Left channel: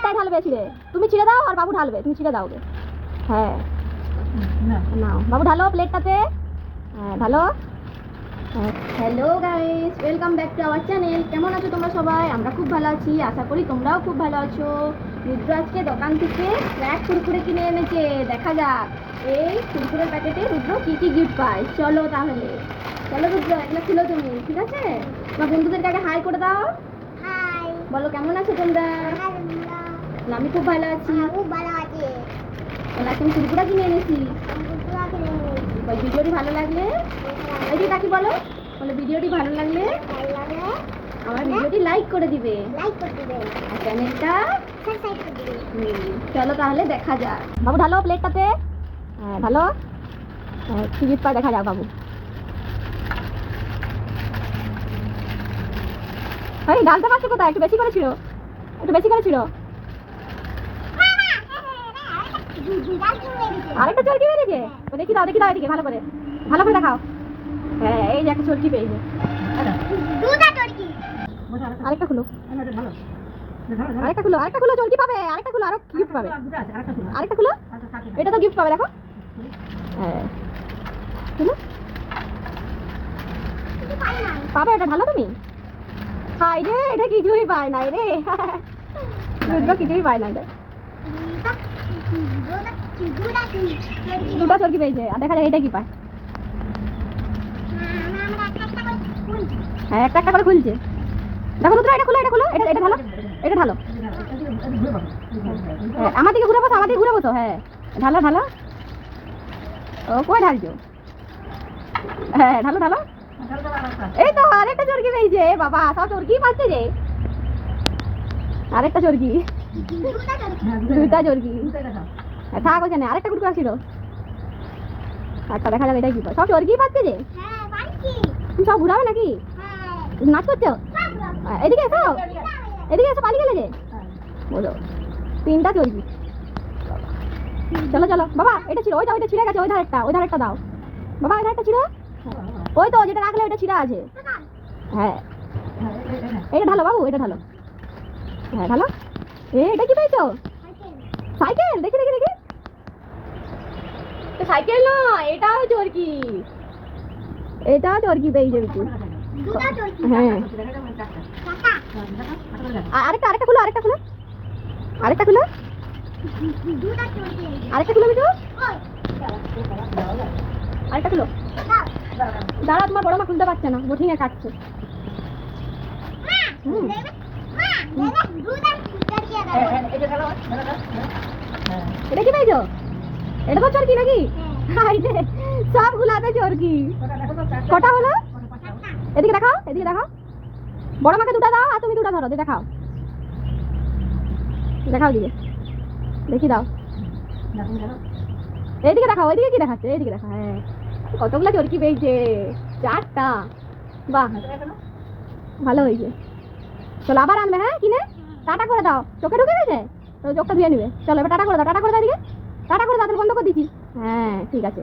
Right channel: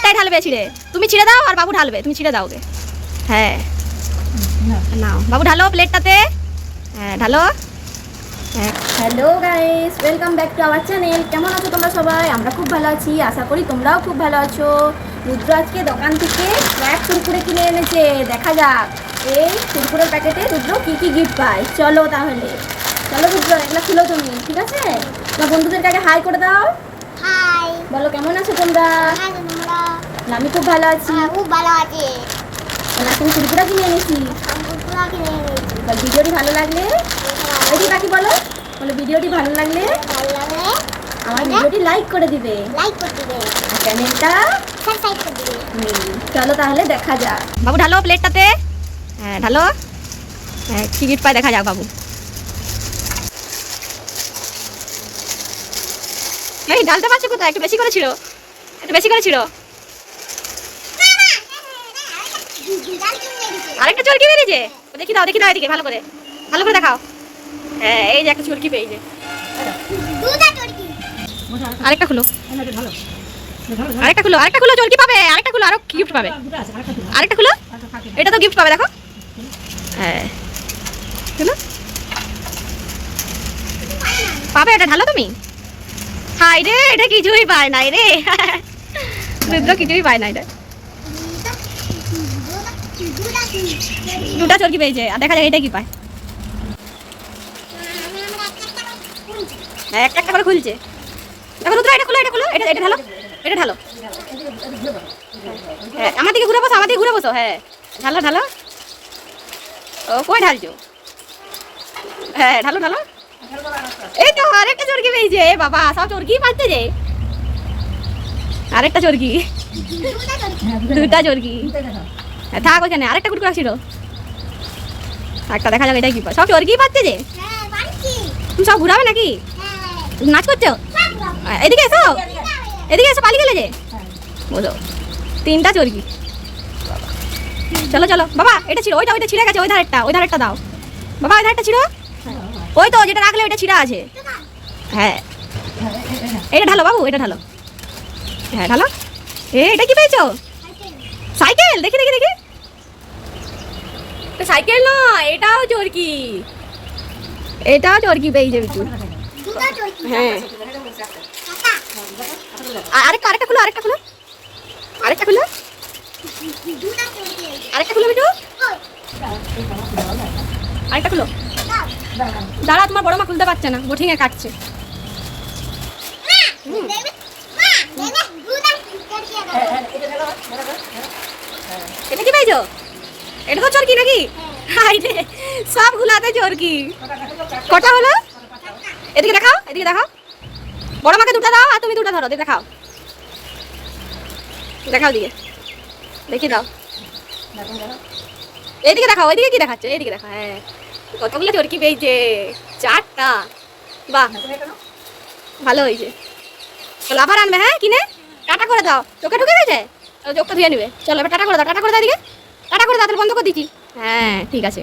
প্লেটটাই ঢালবে ছিঁড়ে। তুমি ছিঁড়ে দাও আর বাবু ঢালবে, তুমি ছিঁড়ে দাও ওকে। হ্যাঁ নাও বাবু ঢালো প্লেটটাতে। হ্যাঁ ঢালো। Hello guys, welcome back to our channel. কেমন আছো তোমরা সবাই? আমরা খুব ভালো আছি, আশা করি তোমরাও খুব ভালো আছো। রুদ্র আজকে দোকান থেকে স্ন্যাক্স কুরকুরে কিনে এনেছে। দেখা যাক এই কুরকুরের প্যাকেটে রুদ্র কী কী গিফট পায়। চলো তাহলে, চলো রুদ্র এগুলো খুলো তুমি, ঠিক আছে? তোমার বন্ধুদের কাছে হাই করে দাও। হাই, বলো কেমন আছো তোমরা? আমি খুব ভালো আছি। খুব ভালো আছি। তুমি কুরকুরে কিনে এনেছি। ভিডিওটি ভালো লাগলে এটি বাকি বলো, ভিডিওটি ভালো লাগলে আমার ভিডিওটি লাইক করে দিবে, চ্যানেলটা সাবস্ক্রাইব করে দিবে। চলো তাহলে দেখা যাক। বাবু ঢালো প্লেটটাতে। হ্যাঁ ঢালো। হ্যাঁ কি গিফট পায় দেখা যাক বাবু। এই ঢালতে পারছো কোথায়? একটু বেশি করে ছিল, একটু বেশি করে ছিল। আরেকটা চরকি বেরিয়েছে। ও দেখি দাও, দেখি দাও এদিকে ভালো করে, ভালো করে দেখাও। হ্যাঁ এই যে একটা চরকি পেয়েছে। আরেকটা খুলো, আরেকটা খুলো, আরেকটা খুলো, চরকি পাবে। আরেকটা খুলো, আরো গিফট পাবে। আরেকটা খুলো, এটা তো গিফট পাবে দেখো। হ্যাঁ খুলো, পাবে এটা। ঢালো তুমি। হাই রে, এটা কিছুই পায় নাই রে। রুদ্র কিছুই পায় না এটা। দুটা চরকি পেয়েছে, আর দেখা যায় এটা কি পায়। হ্যাঁ একটা একটা করে খুলছে। দেখো রুদ্র, এটা খুলো, এটা খুলো, এটা এটা ঢালো, এটা ঢালো। হ্যাঁ আমার দিকে ঘুরে বসো, আমার দিকে ঘুরে বসো। হ্যাঁ ঢালো ঢালো। ও কই ঢালছো? হ্যাঁ ঢালো ঢালো। এই তো আরেকটা চরকি পেয়েছে। বাবা সব চরকি পাচ্ছে যে। আরেকটা চরকি, দুটা চরকি। থাক ওখানে, আরেকটা কুরকুরে ছিল। একটা দেখা যাক এটা কি পায়। সব চরকি পাচ্ছে যে। তুমি সব ঘুরাবে নাকি? নাচ করছো? এদিকে এসো, এদিকে এসো, পালিয়ে গেলে যে। বলো তিনটা চরকি। চলো চলো বাবা, এটা ছিল, ওইটা ওইটা ছিঁড়ে গেছে। ওই ধারেরটা, ওই ধারেরটা দাও বাবা। ওই ধারেরটা ছিল, ওই তো যেটা রাখলে ওইটা ছিঁড়া আছে। হ্যাঁ এটা ঢালো বাবু, এটা ঢালো। হ্যাঁ ঢালো। এটা কি পেয়েছো? সাইকেল। দেখি দেখি দেখি, সাইকেল নয়, এটাও চরকি। এটাও চরকি পেয়েছে বিটু। হ্যাঁ আরেকটা, আরেকটা খুলো, আরেকটা খুলো, আরেকটা খুলো, আরেকটা খুলো বিটু। আরেকটা খুলো। দাঁড়া, তোমার বড় মা খুলতে পারছে না, বঠিঙে কাটছে। এটা কি পাইছো? এটা তো চরকি নাকি? সব গুলাতে চরকি। কটা হলো? এদিকে দেখাও, এদিকে দেখাও। বড় মাকে দুটা দাও আর তুমি দুটা ধরো, দেখাও, দেখাও দিকে, দেখি দাও। এইদিকে দেখাও, ওইদিকে কি দেখাচ্ছে? এইদিকে দেখা। হ্যাঁ কতগুলো চরকি পেয়েছে, চারটা। বাহ ভালো হয়েছে। চলো আবার আনবে। হ্যাঁ কিনে টাটা করে দাও। চোখে ঢুকে গেছে, চোখটা ধুয়ে নিবে। চলো এবার টাটা করে দাও, টাটা করে দাও, এদিকে টাটা করে দাও। তাহলে বন্ধ করে দিচ্ছি। হ্যাঁ ঠিক আছে।